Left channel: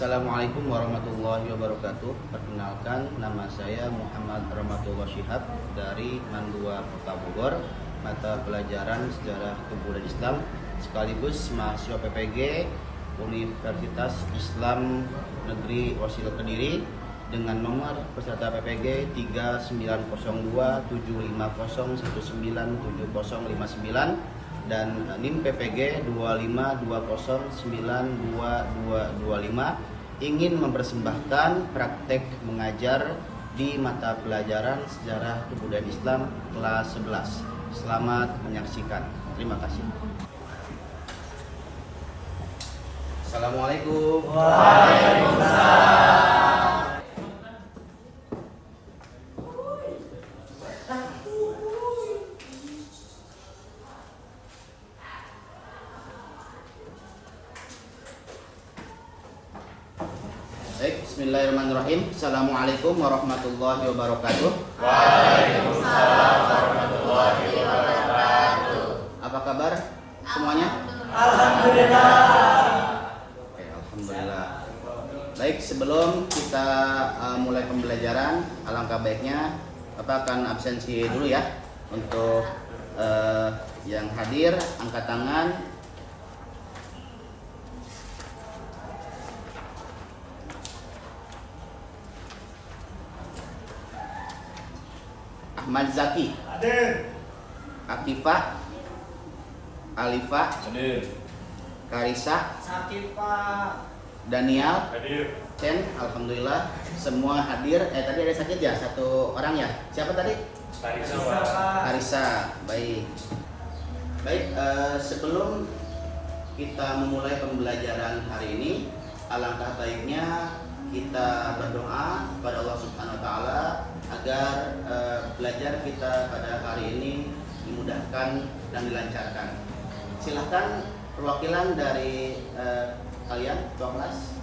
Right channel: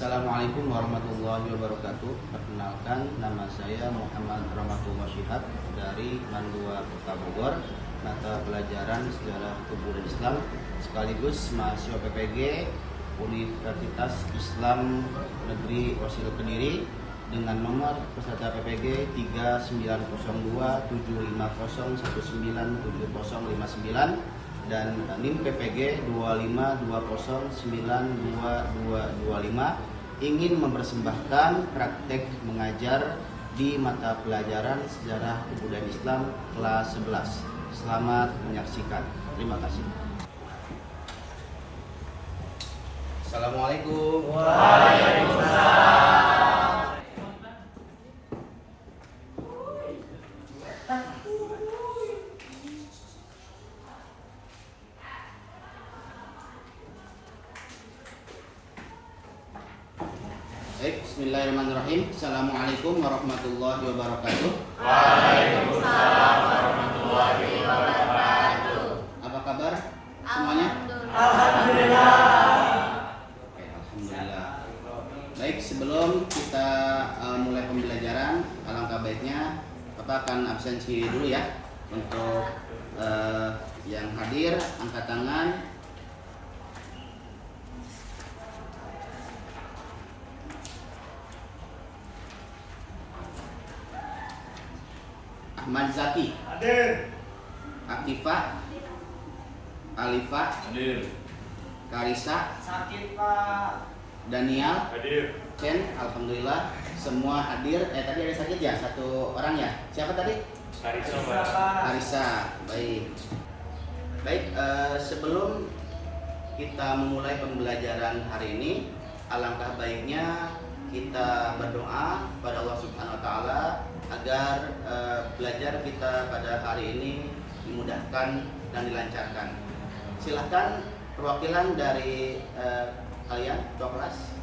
Assalamualaikum warahmatullahi wabarakatuh. Perkenalkan, nama saya Muhammad Rahmatullah Syihab dari Mandua Kota Bogor, mata pelajaran Sejarah Kebudayaan Islam sekaligus mahasiswa PPG Universitas Islam Negeri Wasil Kediri dengan nomor peserta PPG 390275019709 dan NIM PPG 2520922225 ingin mempersembahkan praktek mengajar di mata pelajaran Sejarah Kebudayaan Islam kelas 11. Selamat menyaksikan. Terima kasih. Assalamualaikum. Waalaikumsalam. Baik, bismillahirrahmanirrahim. Assalamualaikum warahmatullahi wabarakatuh. Waalaikumsalam warahmatullahi wabarakatuh. Apa kabar semuanya? Alhamdulillah. Oke, alhamdulillah. Baik, sebelum kita mulai pembelajaran, alangkah baiknya Bapak akan absensi dulu ya. Untuk yang hadir, angkat tangan. Ahmad Zaki, Hadir. Akifah, Alifah, Hadir. Karisa, Sakit Pak. Daniel, Hadir. Chen, alhamdulillah semua hadir. Tadi ada sakit ya, satu orang ya. Siapa tadi? Karisa. Baik. Baik, sebelum kita memulai pembelajaran hari ini, alangkah baiknya kita berdoa kepada Allah Subhanahu wa taala agar belajar kita pada hari ini dimudahkan dan dilancarkan. Silahkan perwakilan dari kalian, ketua kelas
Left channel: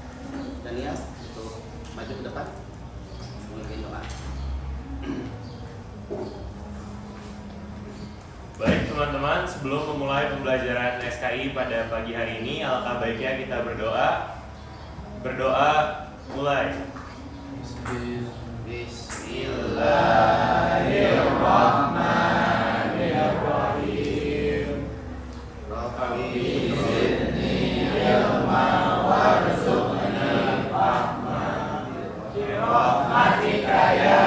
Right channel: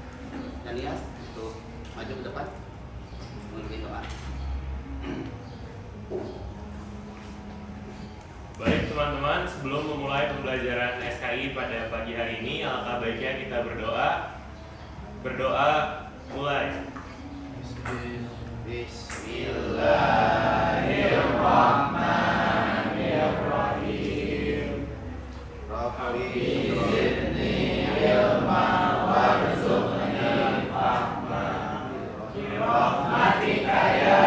Daniel, untuk maju ke depan memimpin doa. Baik teman-teman, sebelum memulai pembelajaran SKI pada pagi hari ini, alangkah baiknya kita berdoa. Berdoa mulai. Bismillahirrahmanirrahim. Rabbi zidni ilman warzuqni fahman bi rahmatika ya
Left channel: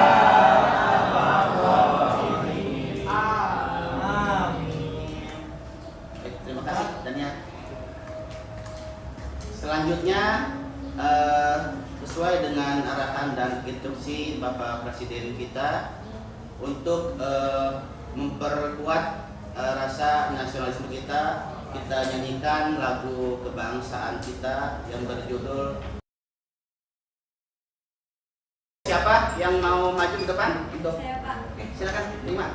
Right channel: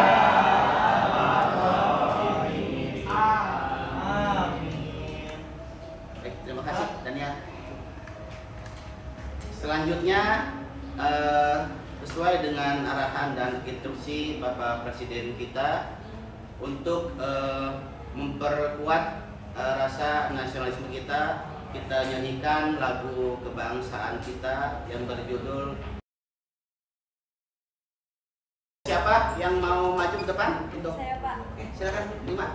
arhamar rahimin. Amin. Baik, terima kasih Daniel. Selanjutnya sesuai dengan arahan dan instruksi Bapak Presiden kita untuk memperkuat rasa nasionalisme kita nyanyikan lagu kebangsaan kita yang berjudul. Siapa yang mau maju ke depan untuk? Saya, Pak. Oke, silakan terima.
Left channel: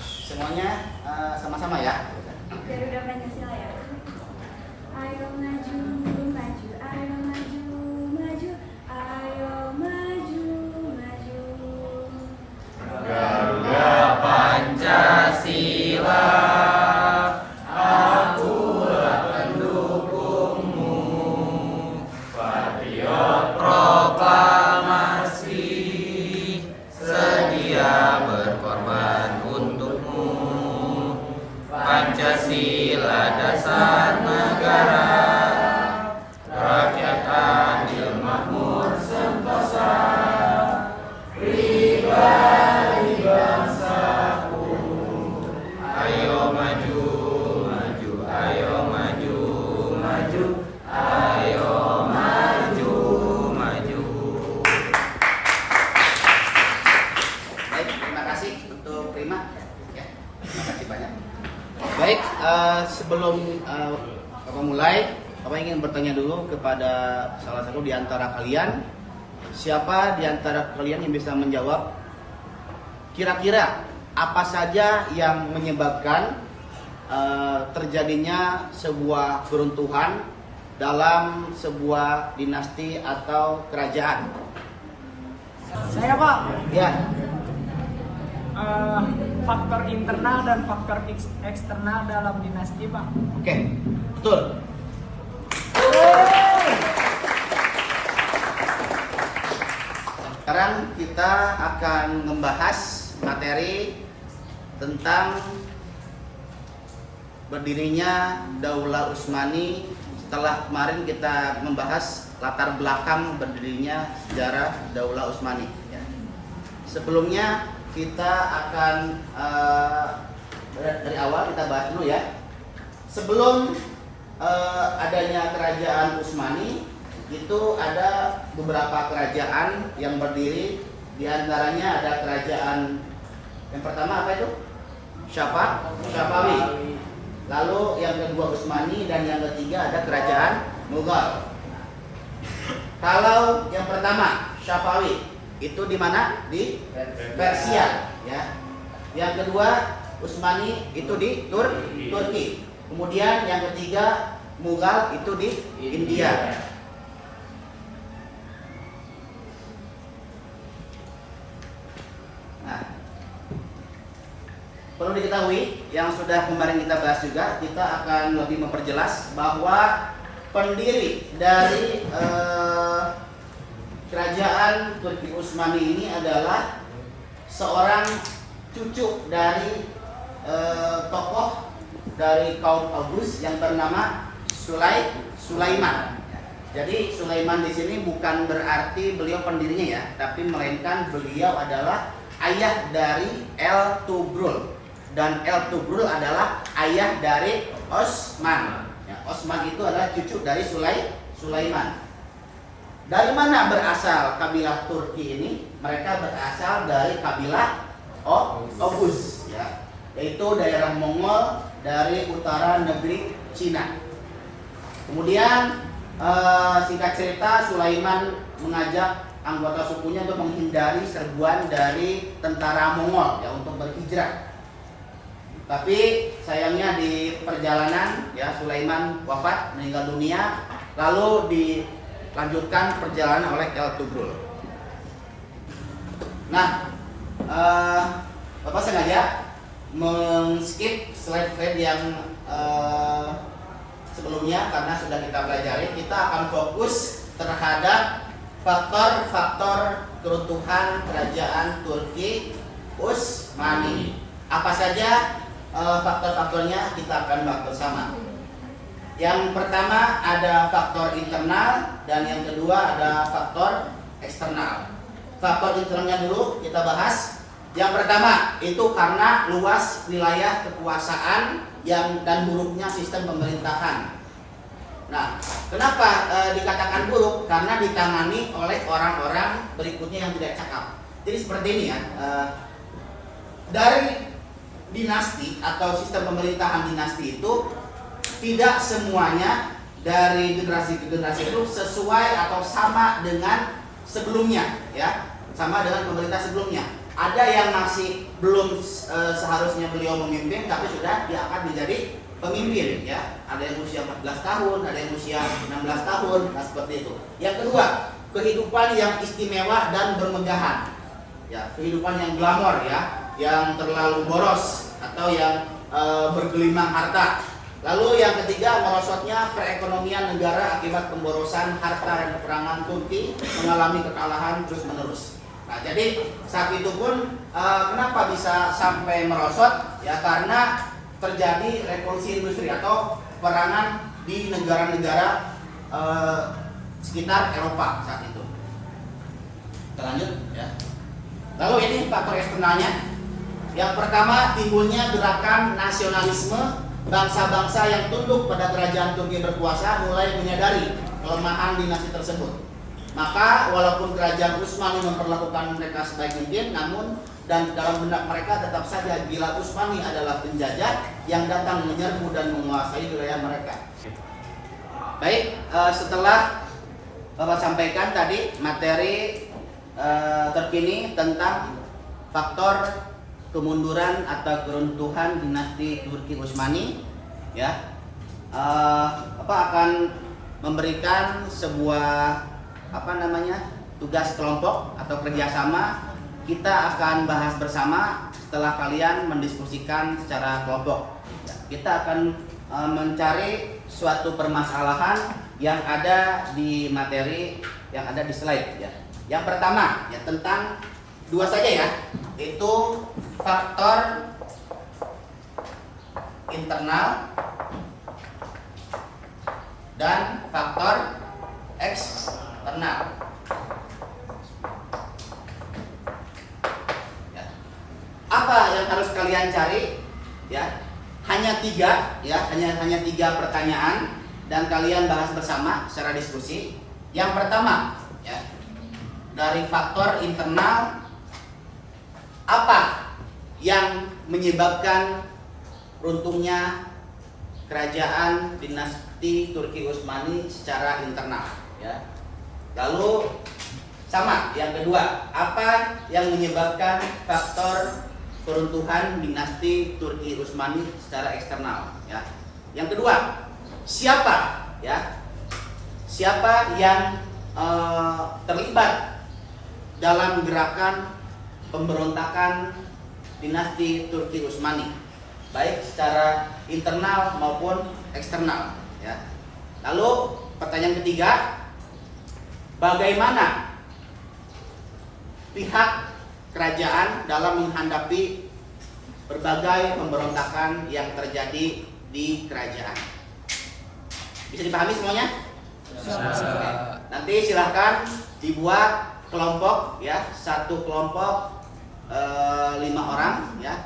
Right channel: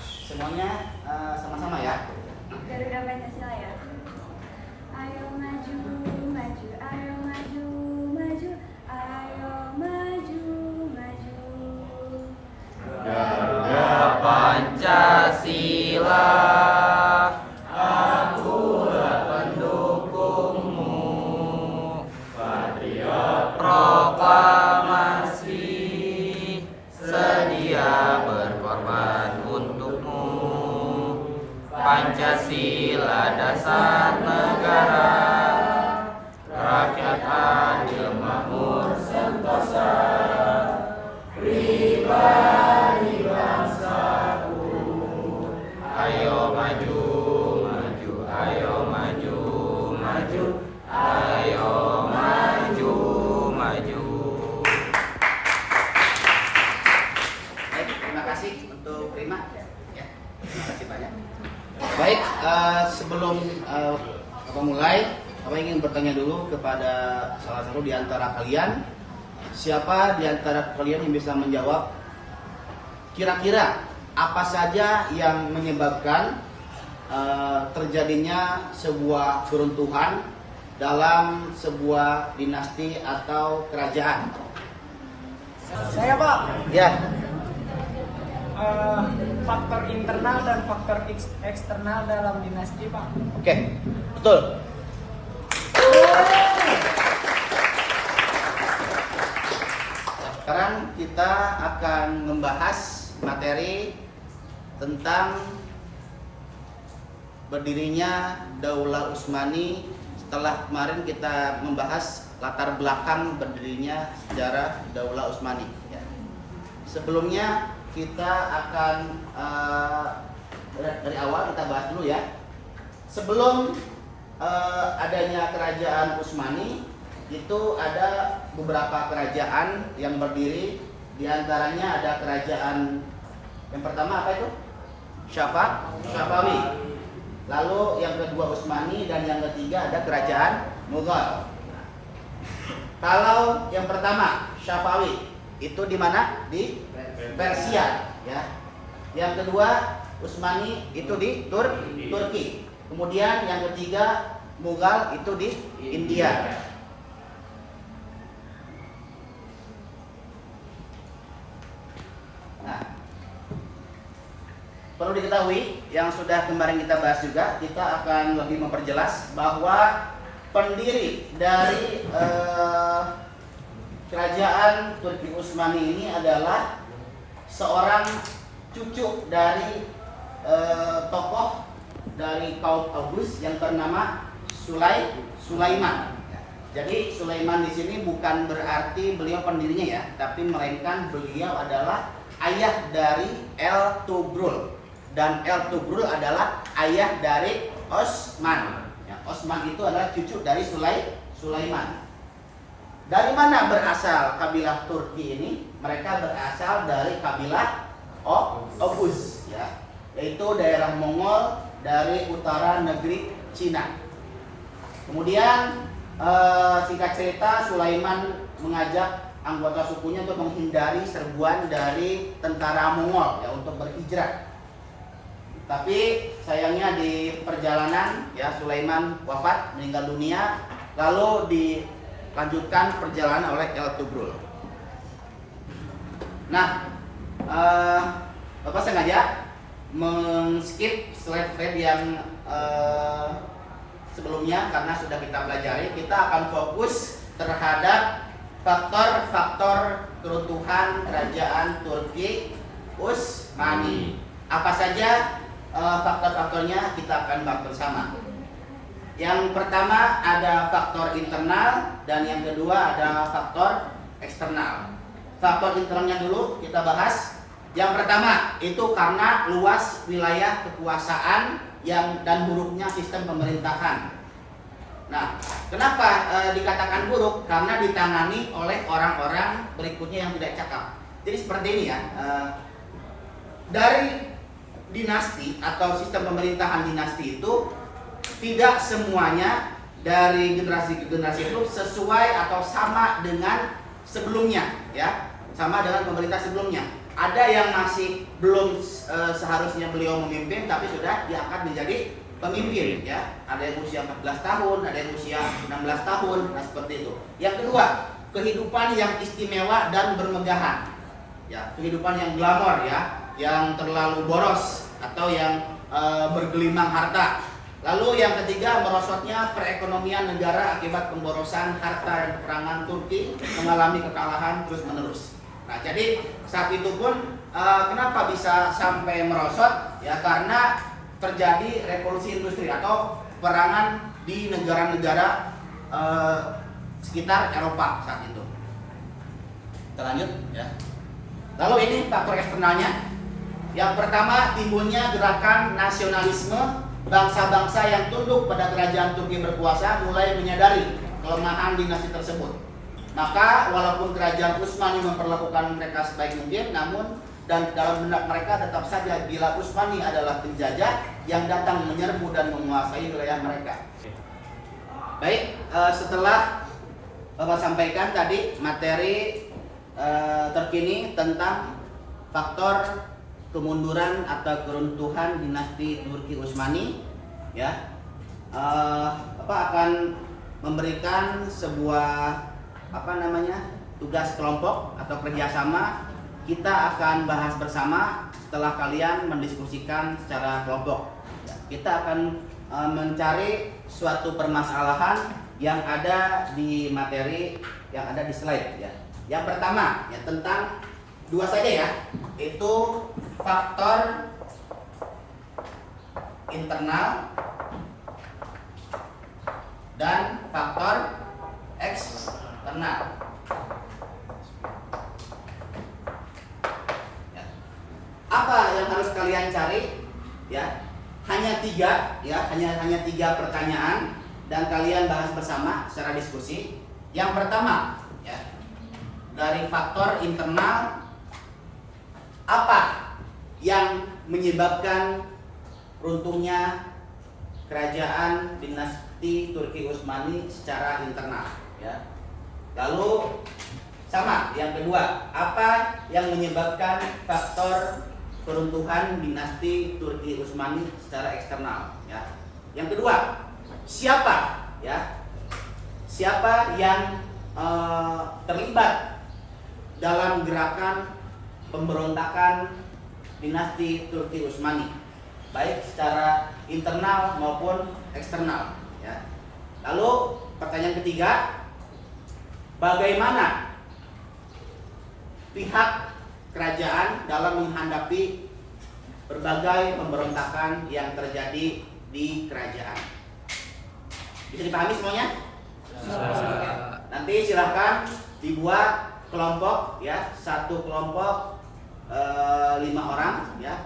Semuanya sama-sama ya. Garuda Pancasila ya. Ayo maju, maju, ayo maju, maju, ayo maju, maju. Garuda Pancasila, akulah pendukungmu. Patriot proklamasi, sedia berkorban untukmu. Pancasila dasar negara, rakyat adil makmur sentosa, pribadi bangsaku. Ayo maju, maju, ayo maju, maju, ayo maju, maju. Baik, terima kasih untuk Prima. Ya, terima kasih banyak. Baik, sebelum Bapak mulai, Bapak ingin bertanya dulu kepada salah satu di antara kalian. Siapa di antara kalian yang bisa menjawab kira-kira apa saja yang menyebabkan terjadinya sebuah keruntuhan dalam sebuah dinasti atau kerajaan? Saya Pak, Ya, faktor internal dan faktor eksternal dalam dinasti Pak. oke, betul. Sekarang kita akan membahas materi tentang berdirinya Daulah Utsmani. Setelah kemarin kita membahas latar belakang berdirinya sejarah Daulah Utsmani. Ya. Sebelumnya kita akan dari awal kita bahas dulu ya. Sebelum adanya kerajaan Utsmani, itu ada beberapa kerajaan yang berdiri. Di antaranya ada kerajaan yang pertama apa itu? Syafawi. Lalu yang kedua Utsmani, dan yang ketiga ada kerajaan Mughal. Kalau yang pertama Syafawi itu di mana? Di Persia, ya. Yang kedua Utsmani itu di Turki. Kemudian yang ketiga Mughal itu di India. Nah, perlu diketahui yang sudah kemarin kita bahas juga, kita akan lebih memperjelas bahwa pendiri dari kerajaan Turki Utsmani ini adalah seorang cucu dari tokoh dari kaum Aws yang bernama Sulaiman. Jadi Sulaiman di sini bukan berarti beliau pendirinya ya, tapi melainkan beliau adalah ayah dari El-Tugrul, dan El-Tugrul adalah ayah dari Osman. Ya, Osman itu adalah cucu dari Sulaiman. Dari mana berasal kabilah Turki ini? Mereka berasal dari kabilah Oghuz, ya, yaitu daerah Mongol dari utara negeri Cina. Kemudian singkat cerita, Sulaiman mengajak anggota sukunya untuk menghindari serbuan dari tentara Mongol ya, untuk berhijrah. Tapi sayangnya di perjalanan ya Sulaiman wafat, meninggal dunia, lalu dilanjutkan perjalanan oleh El-Tugrul. Nah, Bapak sengaja men-skip slide-slide yang sebelumnya karena sudah kita pelajari. Kita akan fokus terhadap faktor-faktor keruntuhan kerajaan Turki Utsmani. Apa saja faktor-faktornya kita akan bahas bersama. Yang pertama ada faktor internal, dan yang kedua ada faktor eksternal. Faktor internalnya dulu kita bahas. Yang pertama itu karena luas wilayah kekuasaan dan buruknya sistem pemerintahan. Nah, kenapa dikatakan buruk? Karena ditangani oleh orang-orang berikutnya yang tidak cakap. Jadi seperti ini ya, dari dinasti atau sistem pemerintahan dinasti itu tidak semuanya dari generasi ke generasi itu sesuai atau sama dengan sebelumnya, ya, sama dengan pemerintah sebelumnya. Ada yang masih belum seharusnya beliau memimpin, tapi sudah diangkat menjadi pemimpin, ya. Ada yang usia 14 tahun, ada yang usia 16 tahun, nah seperti itu. Yang kedua, kehidupan yang istimewa dan bermegahan, ya, kehidupan yang glamor, ya, yang terlalu boros atau yang bergelimang harta. Lalu yang ketiga, merosotnya perekonomian negara akibat pemborosan harta dan peperangan. Turki mengalami kekalahan terus menerus. Nah, jadi saat itu pun kenapa bisa sampai merosot? Ya, karena terjadi revolusi industri atau perangan di negara-negara sekitar Eropa saat itu. Kita lanjut ya. Lalu ini faktor eksternalnya. Yang pertama, timbulnya gerakan nasionalisme. Bangsa-bangsa yang tunduk pada kerajaan Turki berkuasa mulai menyadari kelemahan dinasti tersebut. Maka walaupun kerajaan Utsmani memperlakukan mereka sebaik mungkin, namun dan dalam benak mereka tetap saja bila Utsmani adalah penjajah yang datang menyerbu dan menguasai wilayah mereka. Baik, setelah Bapak sampaikan tadi materi terkini tentang faktor kemunduran atau keruntuhan dinasti Turki Utsmani, ya, Bapak akan memberikan sebuah tugas kelompok atau kerjasama. Kita akan bahas bersama setelah kalian mendiskusikan secara kelompok. Ya, kita akan mencari suatu permasalahan yang ada di materi yang ada di slide, ya. Yang pertama ya tentang dua saja ya, itu faktor internal dan faktor eksternal. Ya. Apa yang harus kalian cari? Ya, hanya tiga, ya, hanya tiga pertanyaan dan kalian bahas bersama secara diskusi. Yang pertama, ya, dari faktor internal, apa yang menyebabkan runtuhnya kerajaan dinasti Turki Utsmani secara internal, ya. Lalu sama yang kedua, apa yang menyebabkan faktor keruntuhan dinasti Turki Utsmani secara eksternal, ya. Yang kedua, siapa, ya, siapa yang terlibat dalam gerakan pemberontakan dinasti Turki Utsmani, baik secara internal maupun eksternal, ya. Lalu pertanyaan ketiga, bagaimana pihak kerajaan dalam menghadapi berbagai pemberontakan yang terjadi di kerajaan? Bisa dipahami semuanya? Nanti silahkan dibuat kelompok, ya, satu kelompok 5 orang, ya.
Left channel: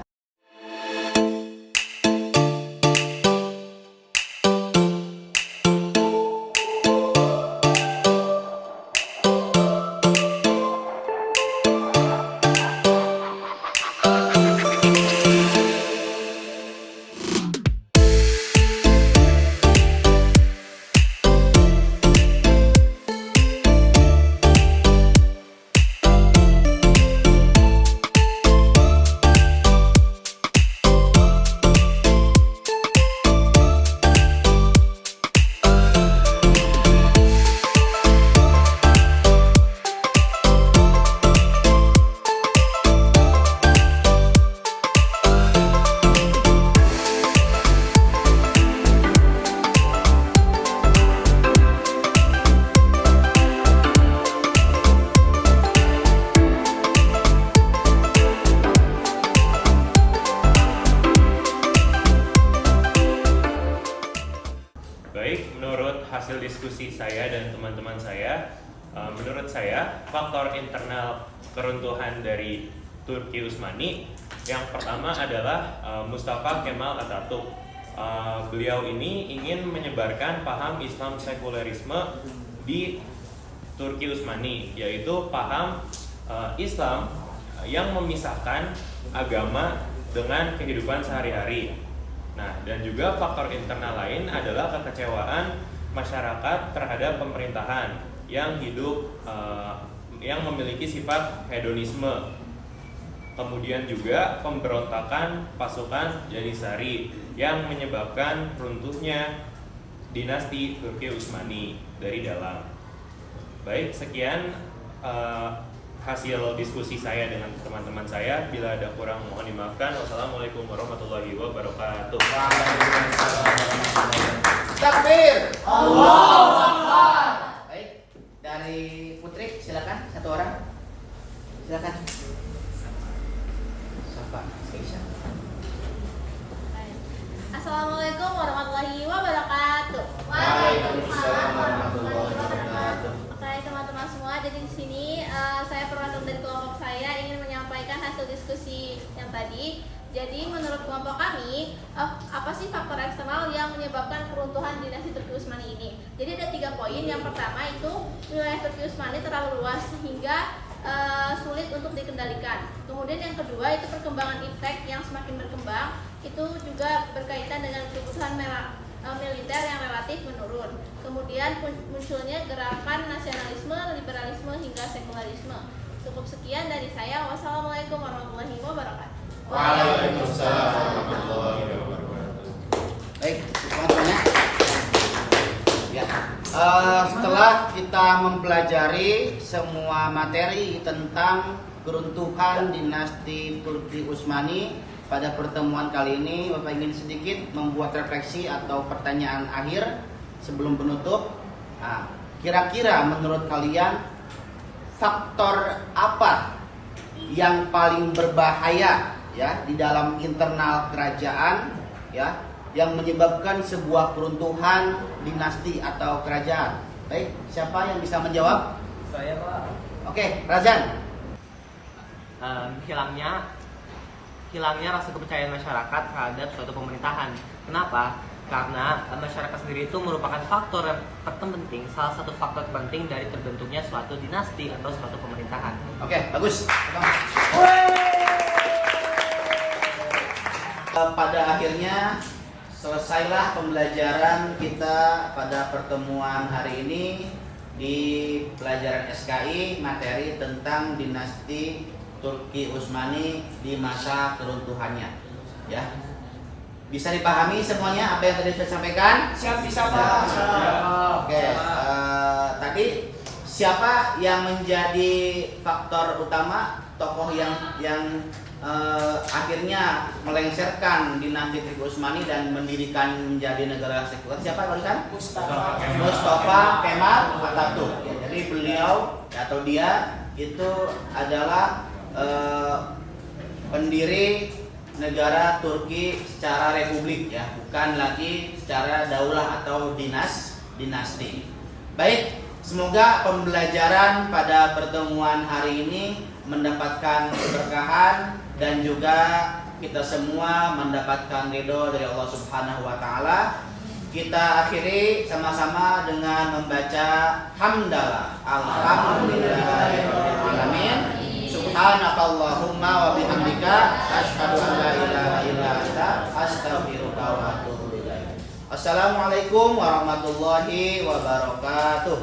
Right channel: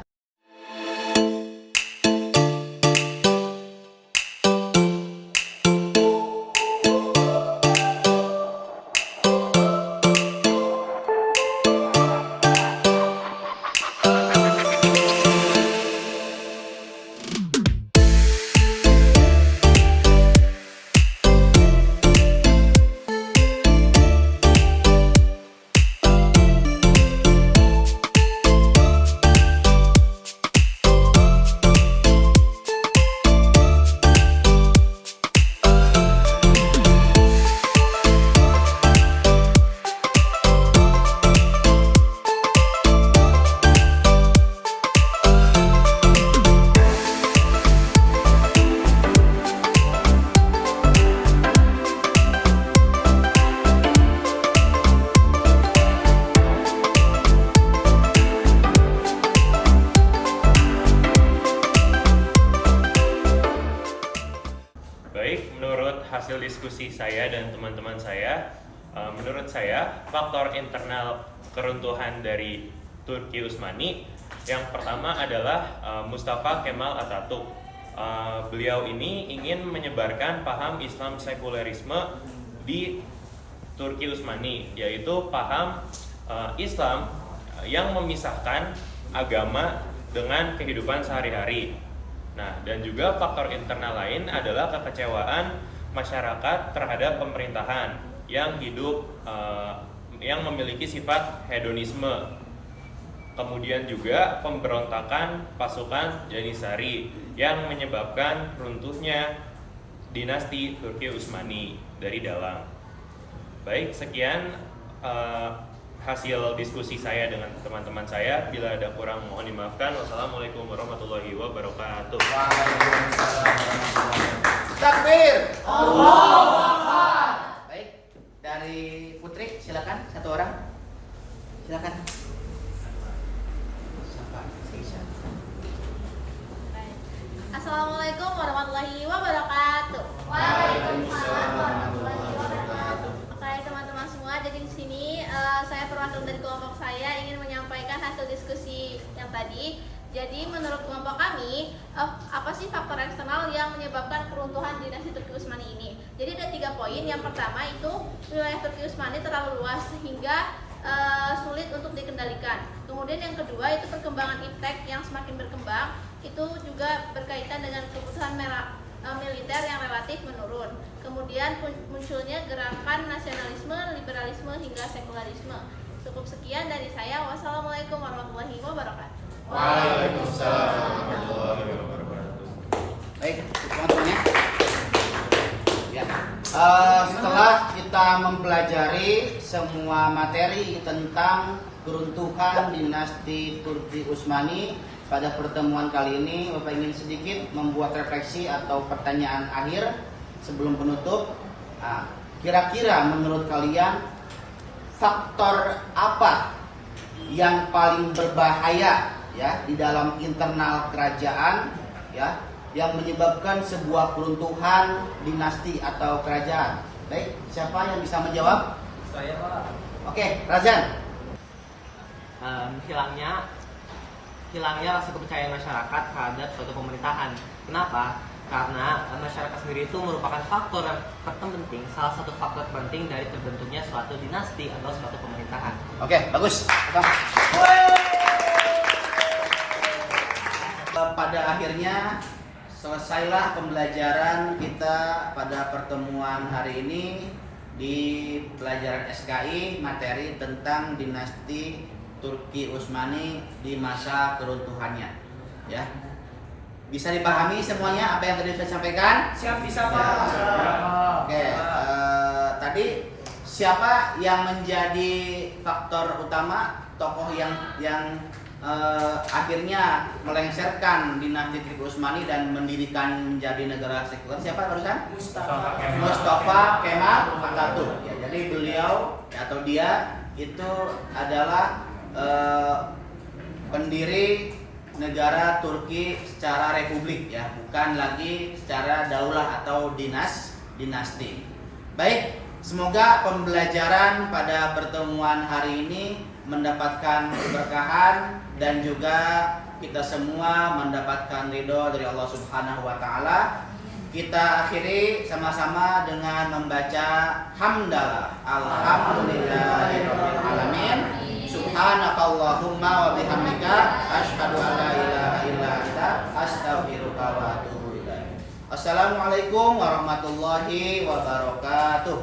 Baik, menurut hasil diskusi saya dan teman-teman saya, menurut saya faktor internal keruntuhan dari Turki Utsmani yang pertama adalah Mustafa Kemal Atatürk. Beliau ini ingin menyebarkan paham Islam sekulerisme di Turki Utsmani, yaitu paham Islam yang memisahkan agama dengan kehidupan sehari-hari. Nah, dan juga faktor internal lain adalah kekecewaan masyarakat terhadap pemerintahan yang hidup yang memiliki sifat hedonisme. Kemudian juga pemberontakan pasukan Janissary yang menyebabkan runtuhnya dinasti Turki Utsmani dari dalam. Baik, sekian hasil diskusi saya dengan teman-teman saya. Bila ada kurang mohon dimaafkan. Wassalamualaikum warahmatullahi wabarakatuh. Takbir. Allahu Akbar. Baik, dari Putri silakan satu orang. Silakan. Assalamualaikum warahmatullahi wabarakatuh. Waalaikumsalam warahmatullahi wabarakatuh. Oke teman-teman semua, jadi di sini saya perwakilan dari kelompok saya ingin menyampaikan hasil diskusi yang tadi. Jadi menurut kelompok kami, apa sih faktor eksternal yang menyebabkan keruntuhan dinasti Turki Utsmani ini? Jadi ada 3 poin. Yang pertama itu wilayah Turki Utsmani terlalu luas sehingga sulit untuk dikendalikan. Kemudian yang kedua itu perkembangan iptek yang semakin berkembang, itu juga berkaitan dengan kebutuhan militer yang relatif menurun. Kemudian munculnya gerakan nasionalisme, liberalisme hingga sekularisme. Cukup sekian dari saya. Wassalamualaikum warahmatullahi wabarakatuh. Waalaikumsalam warahmatullahi wabarakatuh. Baik, semuanya. Ya. Setelah kita mempelajari semua materi tentang keruntuhan dinasti Turki Utsmani pada pertemuan kali ini, Bapak ingin sedikit membuat refleksi atau pertanyaan akhir sebelum penutup. Kira-kira menurut kalian faktor apa yang paling berbahaya ya di dalam internal kerajaan ya yang menyebabkan sebuah keruntuhan dinasti atau kerajaan? Baik, siapa yang bisa menjawab? Saya Pak. Oke, Razan. Hilangnya rasa kepercayaan masyarakat terhadap suatu pemerintahan. Kenapa? Karena masyarakat sendiri itu merupakan faktor yang terpenting, salah satu faktor penting dari terbentuknya suatu dinasti atau suatu pemerintahan. Oke, bagus. Pada akhirnya selesailah pembelajaran kita pada pertemuan hari ini di pelajaran SKI materi tentang dinasti Turki Utsmani di masa keruntuhannya. Ya. Bisa dipahami semuanya apa yang tadi saya sampaikan? Siap bisa Ya. Pak. Oke, tadi siapa yang menjadi faktor utama tokoh yang akhirnya melengsarkan dinasti Turki Utsmani dan mendirikan menjadi negara sekuler? Siapa barusan? Mustafa Kemal Atatürk. Ya, jadi beliau atau dia itu adalah pendiri negara Turki secara republik ya, bukan lagi secara daulah atau dinasti. Baik, semoga pembelajaran pada pertemuan hari ini mendapatkan keberkahan dan juga kita semua mendapatkan ridho dari Allah Subhanahu wa taala. Kita akhiri sama-sama dengan membaca hamdalah. Alhamdulillahirabbil alamin. Subhanakallahumma wa bihamdika asyhadu an la ilaha illa anta astaghfiruka wa atubu ilaik. Assalamualaikum warahmatullahi wabarakatuh.